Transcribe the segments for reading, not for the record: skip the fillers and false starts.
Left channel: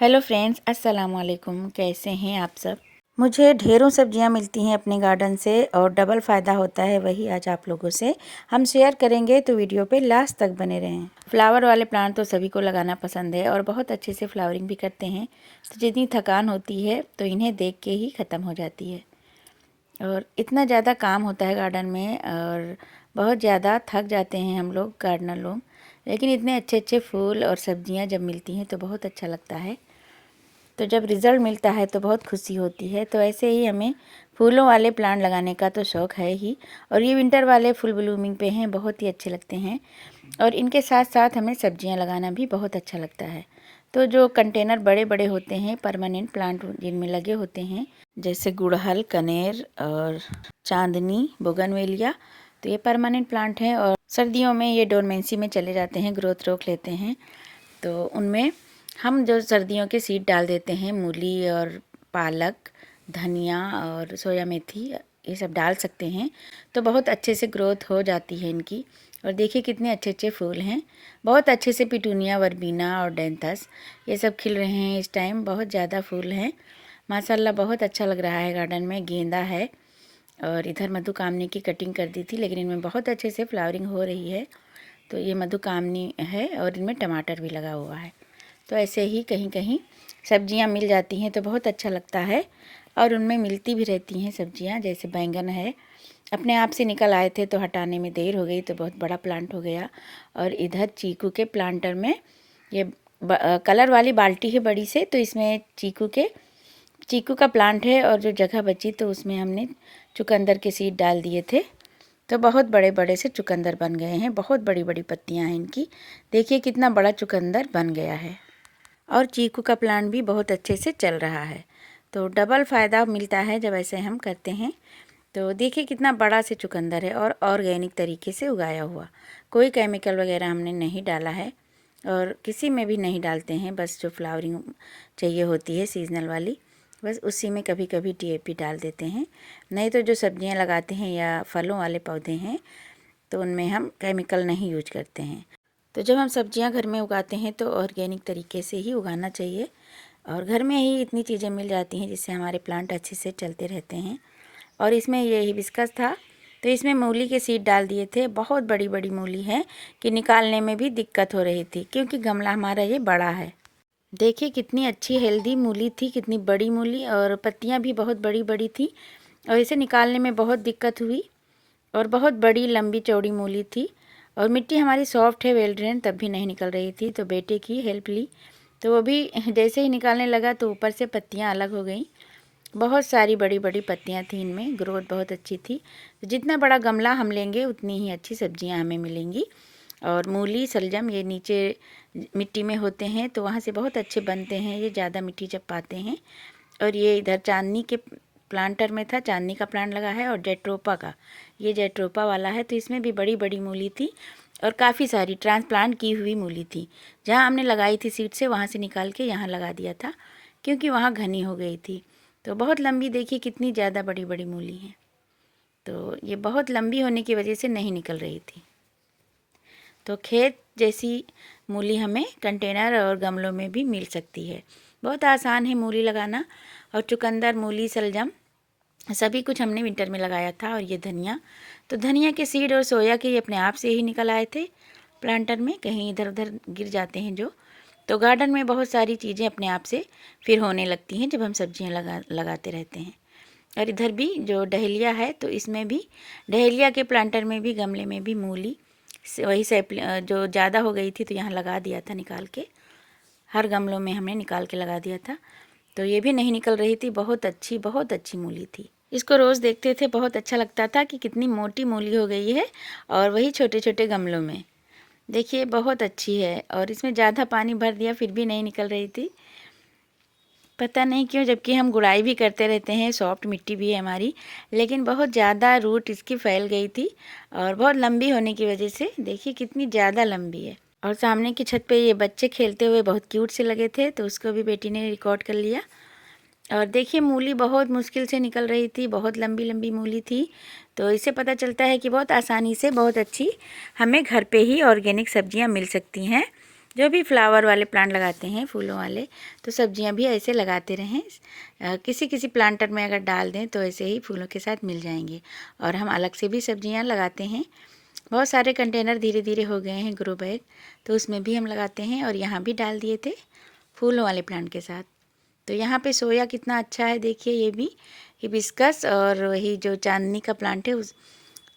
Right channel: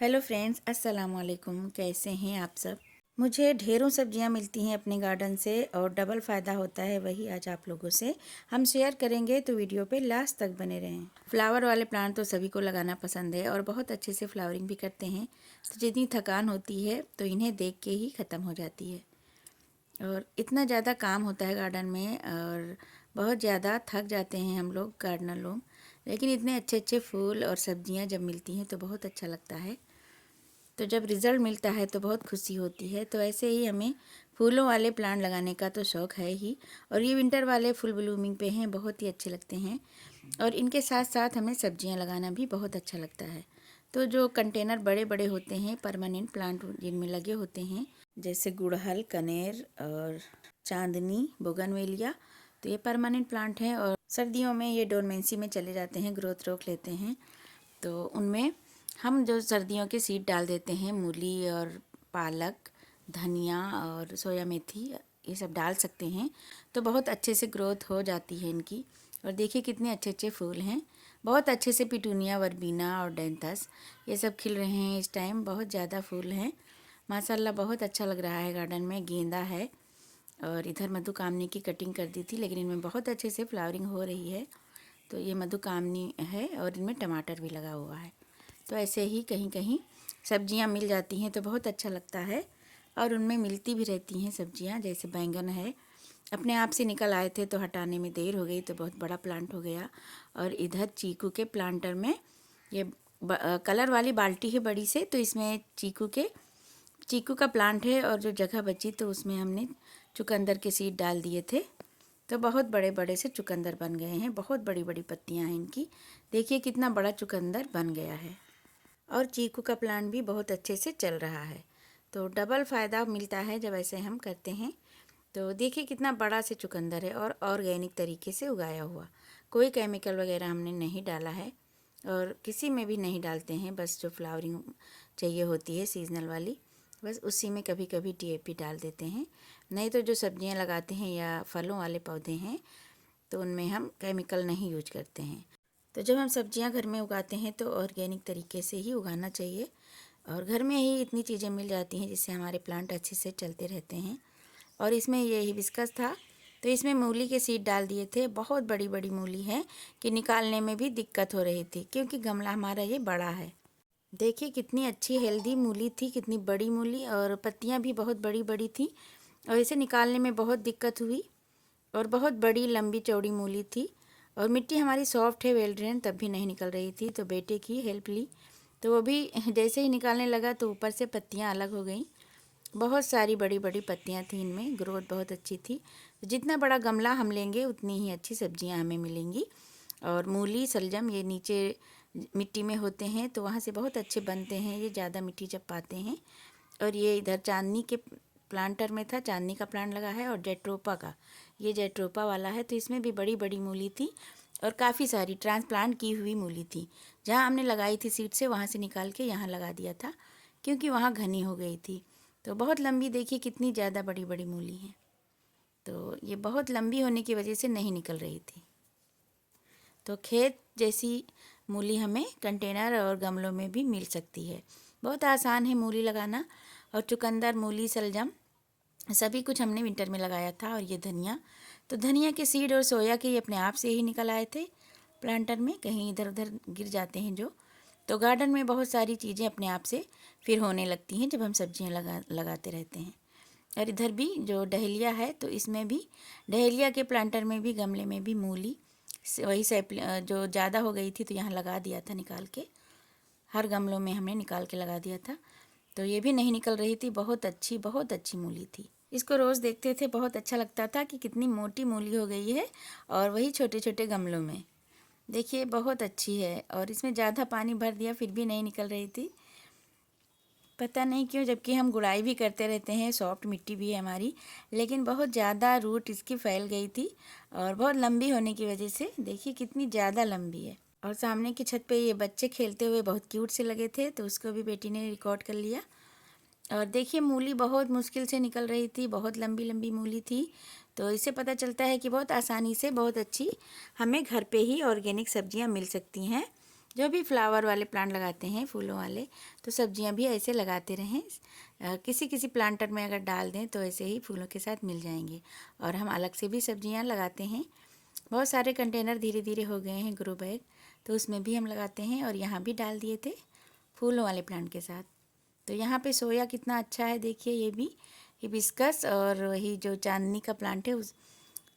Hello friends, अस्सलाम वालेकुम। कैसे हैं आप सब? मुझे ढेरों सब्जियां मिलती हैं अपने गार्डन से और डबल फ़ायदा होता है, वही आज आप लोगों से हम शेयर करेंगे, तो वीडियो पे लास्ट तक बने रहें। फ्लावर वाले प्लांट तो सभी को लगाना पसंद है और बहुत अच्छे से फ्लावरिंग भी करते हैं, तो जितनी थकान होती है तो इन्हें देख के ही ख़त्म हो जाती है। और इतना ज़्यादा काम होता है गार्डन में और बहुत ज़्यादा थक जाते हैं हम लोग गार्डनर लोग, लेकिन इतने अच्छे अच्छे फूल और सब्जियां जब मिलती हैं तो बहुत अच्छा लगता है। तो जब रिज़ल्ट मिलता है तो बहुत खुशी होती है। तो ऐसे ही हमें फूलों वाले प्लांट लगाने का तो शौक़ है ही, और ये विंटर वाले फुल ब्लूमिंग पे हैं, बहुत ही अच्छे लगते हैं। और इनके साथ साथ हमें सब्जियां लगाना भी बहुत अच्छा लगता है। तो जो कंटेनर बड़े बड़े होते हैं, परमानेंट प्लांट जिनमें लगे होते हैं, जैसे गुड़हल, कनेर और चांदनी, बोगनवेलिया, तो ये परमानेंट प्लांट हैं और सर्दियों में ये डोरमेंसी में चले जाते हैं, ग्रोथ रोक लेते हैं। तो उनमें हम जो सर्दियों के सीड डाल देते हैं, मूली और पालक, धनिया और सोया मेथी, ये सब डाल सकते हैं, तो बहुत अच्छे से ग्रोथ हो जाती है इनकी। और देखिए कितने अच्छे अच्छे फूल हैं, बहुत अच्छे से पिटूनिया, वर्बीना और डेंथस ये सब खिल रहे हैं इस टाइम। बहुत ज़्यादा फूल हैं माशाल्लाह, बहुत अच्छा लग रहा है। गार्डन में गेंदा है और इधर मधुकामनी की कटिंग कर दी थी, लेकिन इनमें बहुत अच्छे से फ्लावरिंग हो रही है। तो ये मधुकामनी है और इनमें टमाटर भी लगा हुआ है। तो ऐसे ही कहीं कहीं सब्जियां मिल जाती हैं तो बहुत अच्छा लगता है, और उनमें मिलती भी रहती हैं सब्जियां। जैसे बैंगन है, अपने आप से निकल आए थे तो हटाने में देर हो गई तो बहुत बड़ा प्लांट हो गया। और इधर चीकू के प्लांटर में ये कलर वाली बाल्टी है बड़ी से, तो इसमें चीकू का प्लांट है, और जो जगह बची तो उसमें हमने चुकंदर के सीड डाल दिए थे। तो बहुत बड़े बड़े से चुकंदर बन गए हैं, बहुत बड़ी बड़ी पत्तियां हैं इनकी। देखिए कितना बड़ा चुकंदर बन गया है। और चीकू का प्लांट भी बहुत अच्छे से चल रहा है। तो डबल फ़ायदा मिलता है जब ऐसे हम करते हैं। तो देखिए कितना बड़ा से चुकंदर है और ऑर्गेनिक तरीके से उगाया हुआ, कोई केमिकल वगैरह हमने नहीं डाला है और किसी में भी नहीं डालते हैं। बस जो फ्लावरिंग चाहिए होती है सीजनल वाली, बस उसी में कभी कभी DAP डाल देते हैं। नहीं तो जो सब्जियां लगाते हैं या फलों वाले पौधे हैं तो उनमें हम केमिकल नहीं यूज करते हैं। तो जब हम सब्जियां घर में उगाते हैं तो ऑर्गेनिक तरीके से ही उगाना चाहिए, और घर में ही इतनी चीज़ें मिल जाती हैं जिससे हमारे प्लांट अच्छे से चलते रहते हैं। और इसमें ये हिबिस्कस था, तो इसमें मूली के सीड डाल दिए थे। बहुत बड़ी बड़ी मूली है कि निकालने में भी दिक्कत हो रही थी, क्योंकि गमला हमारा ये बड़ा है। देखिए कितनी अच्छी हेल्दी मूली थी, कितनी बड़ी मूली, और पत्तियां भी बहुत बड़ी बड़ी थी, और इसे निकालने में बहुत दिक्कत हुई। और बहुत बड़ी लंबी चौड़ी मूली थी, और मिट्टी हमारी सॉफ्ट है, वेल ड्रेन, तब भी नहीं निकल रही थी। तो बेटे की हेल्प ली, तो वो भी जैसे ही निकालने लगा तो ऊपर से पत्तियां अलग हो गई। बहुत सारी बड़ी बड़ी पत्तियां थी इनमें, ग्रोथ बहुत अच्छी थी। तो जितना बड़ा गमला हम लेंगे उतनी ही अच्छी सब्जियां हमें मिलेंगी। और मूली, सलजम ये नीचे मिट्टी में होते हैं तो वहाँ से बहुत अच्छे बनते हैं, ये ज़्यादा मिट्टी जब पाते हैं। और ये इधर चांदनी के प्लांटर में था, चांदनी का प्लांट लगा है, और जेट्रोपा का, ये जेट्रोपा वाला है। तो इसमें भी बड़ी बड़ी मूली थी और काफ़ी सारी ट्रांसप्लांट की हुई मूली थी। जहाँ हमने लगाई थी सीड से, वहाँ से निकाल के यहाँ लगा दिया था, क्योंकि वहाँ घनी हो गई थी। तो बहुत लंबी, देखिए कितनी ज़्यादा बड़ी बड़ी मूली हैं। तो ये बहुत लंबी होने की वजह से नहीं निकल रही थी। तो खेत जैसी मूली हमें कंटेनर और गमलों में भी मिल सकती है। बहुत आसान है मूली लगाना। और चुकंदर, मूली, सलजम सभी कुछ हमने विंटर में लगाया था। और ये धनिया, तो धनिया के सीड और सोया के ये अपने आप से ही निकल आए थे प्लांटर में, कहीं इधर उधर गिर जाते हैं जो। तो गार्डन में बहुत सारी चीज़ें अपने आप से फिर होने लगती हैं जब हम सब्जियां लगाते रहते हैं। और इधर भी जो डहेलिया है, तो इसमें भी डहेलिया के प्लांटर में भी, गमले में भी मूली वही जो ज़्यादा हो गई थी तो यहाँ लगा दिया था निकाल के, हर गमलों में हमने निकाल के लगा दिया था। तो ये भी नहीं निकल रही थी, बहुत अच्छी मूली थी। इसको रोज़ देखते थे, बहुत अच्छा लगता था कि कितनी मोटी मूली हो गई है, और वही छोटे छोटे गमलों में। देखिए बहुत अच्छी है, और इसमें ज़्यादा पानी भर दिया फिर भी नहीं निकल रही थी, पता नहीं क्यों, जबकि हम गुड़ाई भी करते रहते हैं, सॉफ्ट मिट्टी भी है हमारी, लेकिन बहुत ज़्यादा रूट इसकी फैल गई थी। और बहुत लंबी होने की वजह से देखिए कितनी ज़्यादा लंबी है। और सामने की छत पे ये बच्चे खेलते हुए बहुत क्यूट से लगे थे, तो उसको भी बेटी ने रिकॉर्ड कर लिया। और देखिए मूली बहुत मुश्किल से निकल रही थी, बहुत लंबी लंबी मूली थी। तो इससे पता चलता है कि बहुत आसानी से बहुत अच्छी हमें घर पे ही ऑर्गेनिक सब्जियां मिल सकती हैं। जो भी फ्लावर वाले प्लांट लगाते हैं, फूलों वाले, तो सब्जियां भी ऐसे लगाते रहें। किसी किसी प्लांटर में अगर डाल दें तो ऐसे ही फूलों के साथ मिल जाएंगे। और हम अलग से भी सब्जियां लगाते हैं। बहुत सारे कंटेनर धीरे धीरे हो गए हैं ग्रो बैग, तो उसमें भी हम लगाते हैं। और यहाँ भी डाल दिए थे फूलों वाले प्लांट के साथ। तो यहाँ पे सोया कितना अच्छा है, देखिए ये भी हिबिस्कस और वही जो चांदनी का प्लांट है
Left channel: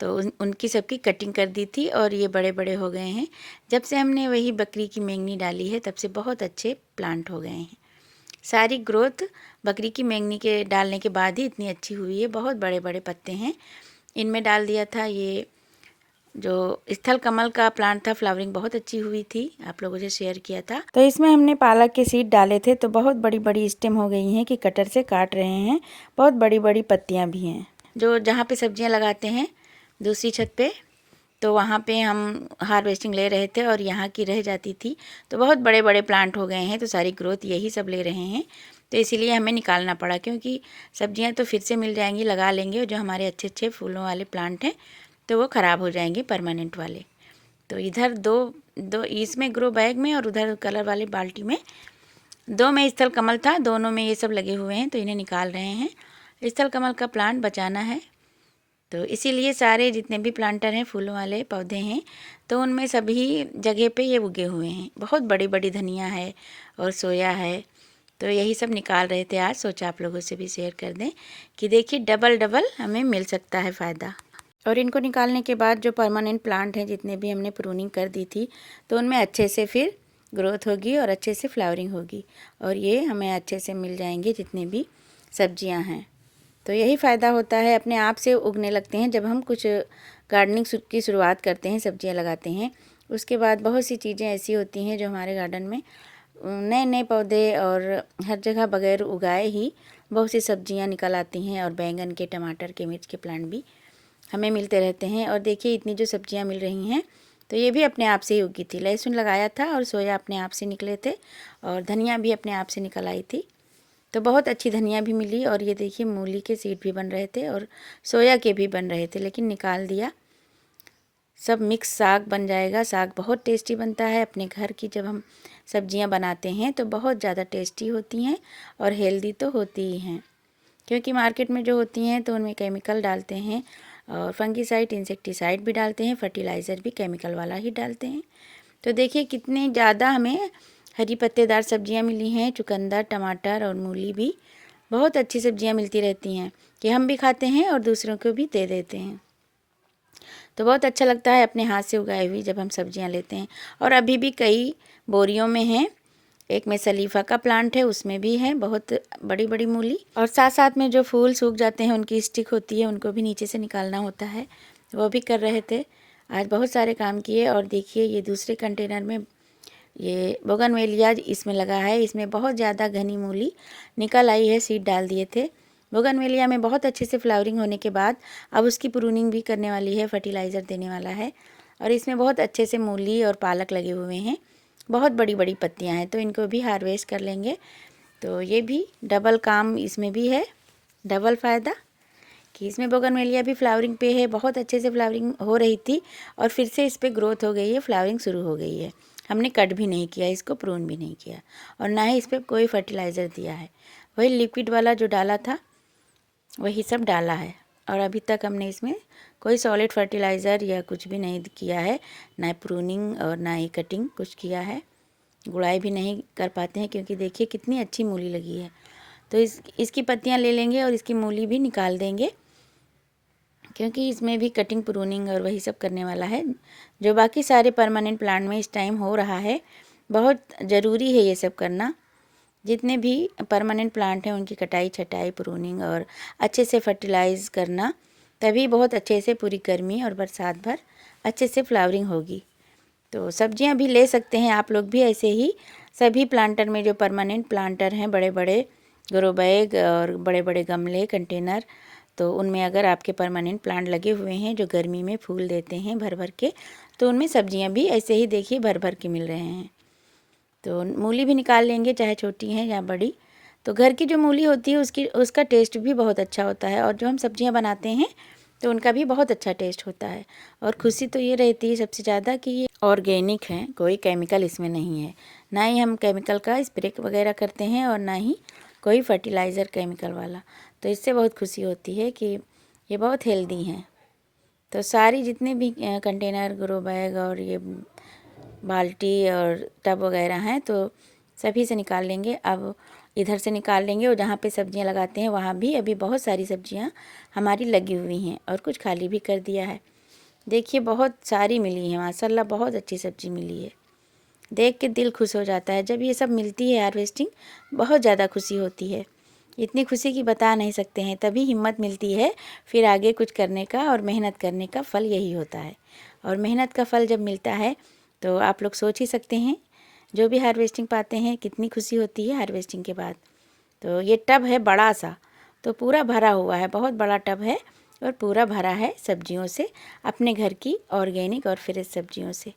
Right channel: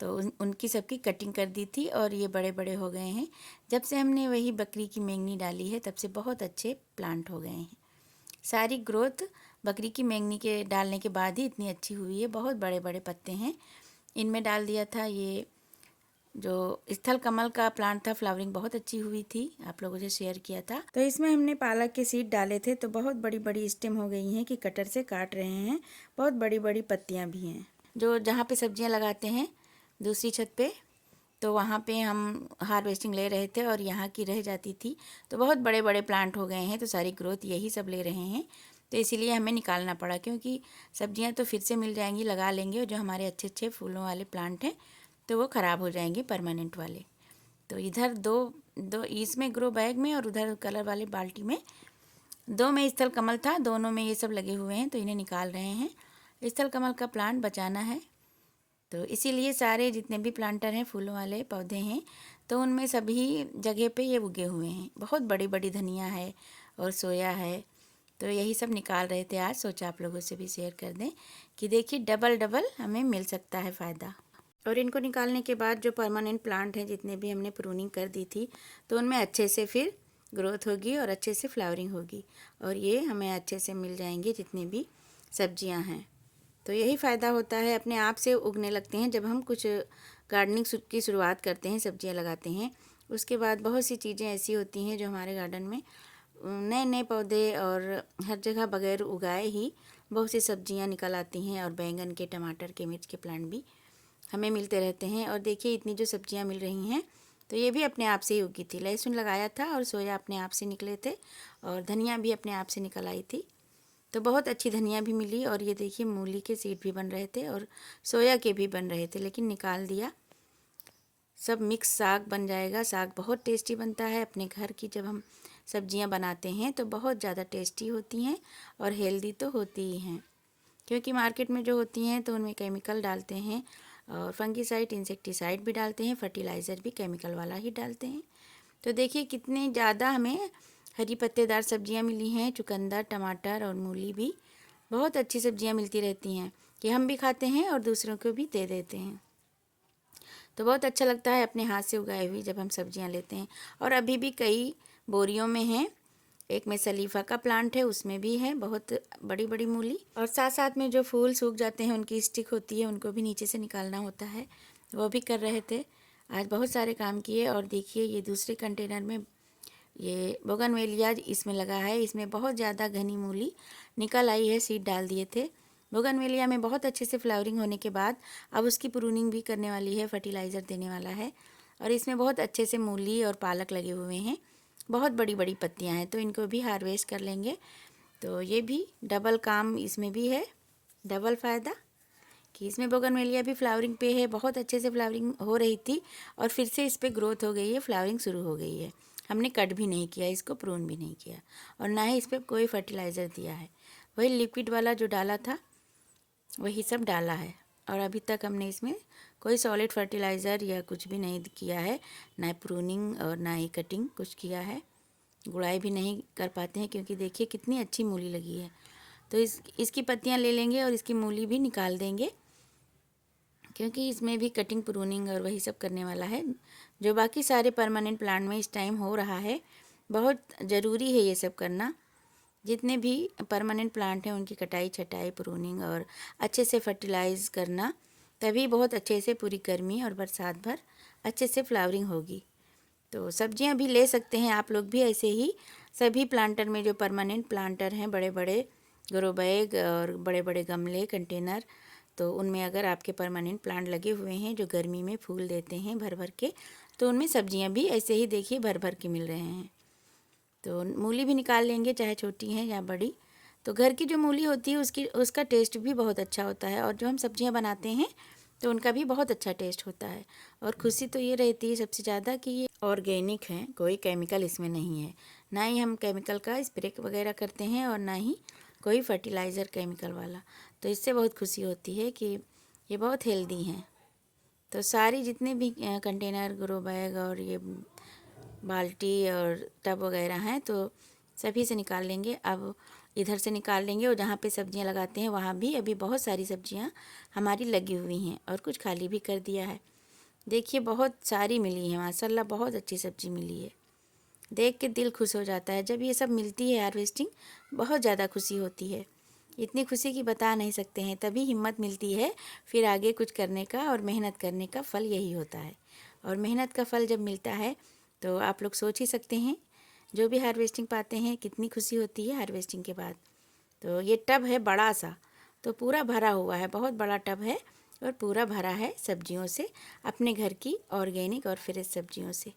तो उनकी सबकी कटिंग कर दी थी और ये बड़े बड़े हो गए हैं। जब से हमने वही बकरी की मेंगनी डाली है तब से बहुत अच्छे प्लांट हो गए हैं। सारी ग्रोथ बकरी की मेंगनी के डालने के बाद ही इतनी अच्छी हुई है। बहुत बड़े बड़े पत्ते हैं। इनमें डाल दिया था ये जो स्थल कमल का प्लांट था, फ्लावरिंग बहुत अच्छी हुई थी, आप लोगों से शेयर किया था। तो इसमें हमने पालक के सीड डाले थे तो बहुत बड़ी बड़ी स्टेम हो गई हैं कि कटर से काट रहे हैं। बहुत बड़ी बड़ी पत्तियां भी हैं। जो जहाँ पे सब्जियां लगाते हैं दूसरी छत पे, तो वहाँ पे हम हार्वेस्टिंग ले रहे थे और यहाँ की रह जाती थी। तो बहुत बड़े बड़े प्लांट हो गए हैं, तो सारी ग्रोथ यही सब ले रहे हैं। तो इसीलिए हमें निकालना पड़ा, क्योंकि सब्जियां तो फिर से मिल जाएंगी, लगा लेंगे। और जो हमारे अच्छे अच्छे फूलों वाले प्लांट हैं तो वो ख़राब हो जाएंगे परमानेंट वाले। तो इधर दो इसमें ग्रो बैग में और उधर कलर वाले बाल्टी में, दो में स्थल कमल था, दोनों में ये सब लगे हुए हैं, तो इन्हें निकाल रहे हैं। स्थल कमल का प्लांट बचाना है, तो इसीलिए सारे जितने भी प्लांटर हैं, फूलों वाले पौधे हैं, तो उनमें सभी जगह पे ये उगे हुए हैं। बहुत बड़ी बड़ी धनिया है और सोया है। तो यही सब निकाल रहे थे आज। सोचा आप लोगों से भी शेयर कर दें कि देखिए डबल डबल हमें मिल सकता है फ़ायदा। और इनको निकालने के बाद जो परमानेंट प्लांट हैं, जितने भी हमने प्रूनिंग कर दी थी, तो उनमें अच्छे से फिर ग्रोथ होगी और अच्छे से फ्लावरिंग होगी और ये हमें अच्छे से मिल जाएंगे जितने भी सब्जियां हैं। तो यही फ़ायदा होता है, अपने आप से उगने लगते हैं। जब हम कुछ गार्डनिंग की शुरुआत करते हैं, सब्जियां लगाते हैं, उसके बाद बहुत सी चीज़ें ऐसी होती हैं जो हमारे गार्डन में नए नए पौधे और हर जगह बगैर उगाए ही बहुत सी सब्जियां निकल आती हैं। और बैंगन के, टमाटर के, मिर्च के प्लांट भी हमें मिलते रहते हैं। और देखिए इतनी जो सब्जियां मिल रही हैं, तो ये भी अपने आप से ही उगी थी। लहसुन लगाया था और सोया अपने आप से निकले थे और धनिया भी अपने आप से निकल आई थी। तो बहुत अच्छी धनिया भी मिली। और ये देखिए मूली के सीड भी बन रहे थे और सोया के भी बन रहे थे, लेकिन निकाल दिया। सब मिक्स साग बन जाएगा। साग बहुत टेस्टी बनता है। अपने घर की जब हम सब्जियां बनाते हैं तो बहुत ज़्यादा टेस्टी होती हैं और हेल्दी तो होती ही हैं, क्योंकि मार्केट में जो होती हैं तो उनमें केमिकल डालते हैं और फंगीसाइड, इंसेक्टिसाइड भी डालते हैं, फर्टिलाइज़र भी केमिकल वाला ही डालते हैं। तो देखिए कितने ज़्यादा हमें हरी पत्तेदार सब्जियां मिली हैं। चुकंदर, टमाटर और मूली भी बहुत अच्छी सब्जियां मिलती रहती हैं कि हम भी खाते हैं और दूसरों को भी दे देते हैं। तो बहुत अच्छा लगता है अपने हाथ से उगाई हुई जब हम सब्जियां लेते हैं। और अभी भी कई बोरियों में हैं। एक में सलीफा का प्लांट है, उसमें भी है बहुत बड़ी बड़ी मूली। और साथ साथ में जो फूल सूख जाते हैं, उनकी स्टिक होती है, उनको भी नीचे से निकालना होता है, वो भी कर रहे थे। आज बहुत सारे काम किए। और देखिए ये दूसरे कंटेनर में ये बोगनवेलिया इसमें लगा है। इसमें बहुत ज़्यादा घनी मूली निकल आई है, सीड डाल दिए थे। बोगनवेलिया में बहुत अच्छे से फ्लावरिंग होने के बाद अब उसकी प्रूनिंग भी करने वाली है, फर्टिलाइज़र देने वाला है। और इसमें बहुत अच्छे से मूली और पालक लगे हुए हैं। बहुत बड़ी बड़ी पत्तियां हैं, तो इनको भी हार्वेस्ट कर लेंगे। तो ये भी डबल काम इसमें भी है, डबल फ़ायदा कि इसमें बोगनवेलिया भी फ्लावरिंग पे है। बहुत अच्छे से फ्लावरिंग हो रही थी और फिर से इस पर ग्रोथ हो गई है, फ्लावरिंग शुरू हो गई है। हमने कट भी नहीं किया इसको, प्रून भी नहीं किया और ना ही इस पर कोई फर्टिलाइज़र दिया है। वही लिक्विड वाला जो डाला था वही सब डाला है। और अभी तक हमने इसमें कोई सॉलिड फर्टिलाइज़र या कुछ भी नहीं किया है, ना प्रूनिंग और ना ही कटिंग कुछ किया है। गुड़ाई भी नहीं कर पाते हैं, क्योंकि देखिए कितनी अच्छी मूली लगी है। तो इसकी पत्तियां ले लेंगे और इसकी मूली भी निकाल देंगे, क्योंकि इसमें भी कटिंग, प्रूनिंग और वही सब करने वाला है जो बाकी सारे परमानेंट प्लांट में इस टाइम हो रहा है। बहुत ज़रूरी है ये सब करना। जितने भी परमानेंट प्लांट हैं उनकी कटाई, छटाई, प्रूनिंग और अच्छे से फर्टिलाइज़ करना, तभी बहुत अच्छे से पूरी गर्मी और बरसात भर अच्छे से फ्लावरिंग होगी। तो सब्जियां भी ले सकते हैं आप लोग भी ऐसे ही। सभी प्लांटर में जो परमानेंट प्लांटर हैं, बड़े बड़े ग्रो बैग और बड़े बड़े गमले, कंटेनर, तो उनमें अगर आपके परमानेंट प्लांट लगे हुए हैं जो गर्मी में फूल देते हैं भर भर के, तो उनमें सब्जियां भी ऐसे ही देखिए भर भर के मिल रहे हैं। तो मूली भी निकाल लेंगे, चाहे छोटी हैं या बड़ी। तो घर की जो मूली होती है उसका टेस्ट भी बहुत अच्छा होता है। और जो हम सब्जियां बनाते हैं तो उनका भी बहुत अच्छा टेस्ट होता है। और खुशी तो ये रहती है सबसे ज़्यादा कि ये ऑर्गेनिक है, कोई केमिकल इसमें नहीं है, ना ही हम केमिकल का स्प्रे वगैरह करते हैं और ना ही कोई फर्टिलाइज़र केमिकल वाला। तो इससे बहुत खुशी होती है कि ये बहुत हेल्दी हैं। तो सारी जितने भी कंटेनर, ग्रो बैग और ये बाल्टी और टब वगैरह हैं तो सभी से निकाल लेंगे। अब इधर से निकाल लेंगे और जहाँ पे सब्जियाँ लगाते हैं वहाँ भी अभी बहुत सारी सब्जियाँ हमारी लगी हुई हैं और कुछ खाली भी कर दिया है। देखिए बहुत सारी मिली हैं माशाल्लाह, बहुत अच्छी सब्ज़ी मिली है। देख के दिल खुश हो जाता है। जब ये सब मिलती है हार्वेस्टिंग, बहुत ज़्यादा खुशी होती है। इतनी खुशी कि बता नहीं सकते हैं। तभी हिम्मत मिलती है फिर आगे कुछ करने का, और मेहनत करने का फल यही होता है। और मेहनत का फल जब मिलता है तो आप लोग सोच ही सकते हैं, जो भी हार्वेस्टिंग पाते हैं कितनी खुशी होती है हार्वेस्टिंग के बाद। तो ये टब है बड़ा सा, तो पूरा भरा हुआ है, बहुत बड़ा टब है और पूरा भरा है सब्जियों से, अपने घर की ऑर्गेनिक और फ्रेश सब्जियों से।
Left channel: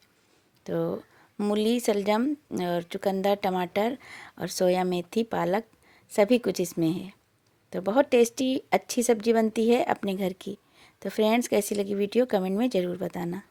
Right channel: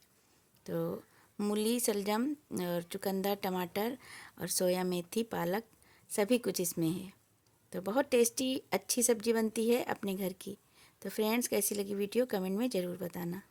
तो मूली, शलजम और चुकंदर, टमाटर और सोया मेथी, पालक, सभी कुछ इसमें है। तो बहुत टेस्टी अच्छी सब्ज़ी बनती है अपने घर की। तो फ्रेंड्स, कैसी लगी वीडियो कमेंट में ज़रूर बताना।